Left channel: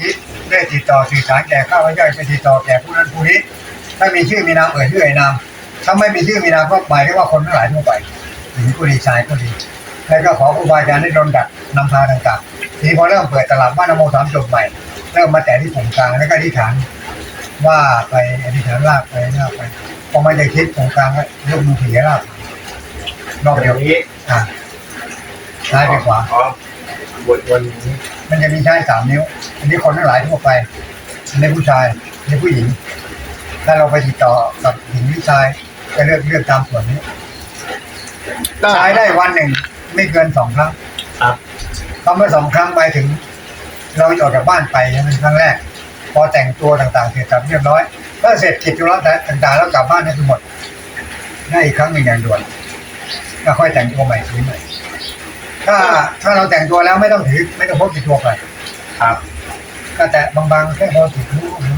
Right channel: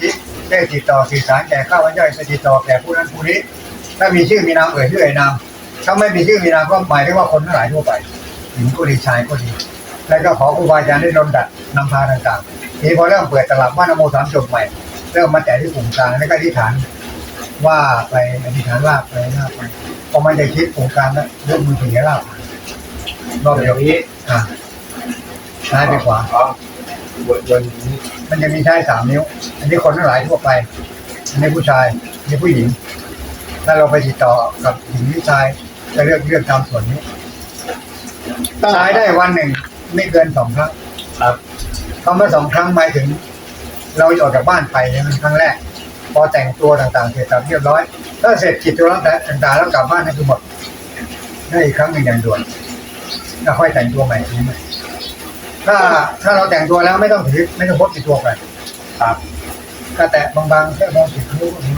ธิได้ติดต่อสื่อสารแก่ข้าพเจ้าไปติดต่อแก่ผู้นั้นผู้นี้ ถ้ามีชื่อมีนามเอ่ยชื่อเอ่ยนามถ้าไม่มีชื่อมีนามก็หมายถึงว่าคนทั้งหลายทั่วไปหญิงก็ดีชายก็ดีแล้วก็ขอครูบาอาจารย์ได้ดลดัดนำพาต่างๆทีนี้พอเริ่มเปิดตลับบ้านนโมสามจบใหม่เริ่มมาแต่ที่ปุ่มกลางแล้วก็อธิษฐานว่าไปอธิษฐานลากไปลากไปพอไม่ได้คิดปุ่มกลางแล้วยกมือถือลากไปรอบอเดียวย่างนี้อะซ้ายไปขวาอ๋อบทวันนี้ มันจะมีใช้สามนิ้ว อันนี้คนทั้งหลายทั่วไป อันนี้ผู้ชาย อันนี้ผู้หญิง ถ้าเราไปติดต่อกับหญิงหรือชายก็เลือกเลือกตามส่วนนี้ใช้ได้วันหนึ่งไม่เกินสองครั้งครับคำว่าสองครั้งหมายถึง เราออกจากบ้านไปใช่ไหมครั้งแรก พอแต่งตัวต่างๆเสร็จสับเรียบร้อยก็เสร็จกิจธุระต่างๆแล้วกลับบ้านนั่นคือหมดได้อีกครั้งหนึ่งอย่างด่วนแล้วค่อยแต่งตัวใหม่ทีใหม่ ถ้าถ้าเราแต่งตัวแล้วไม่ต้องถือไม่ต้องพกติดตัวไปครับ ก็แต่บางๆแค่พอติดตัวก็ถือ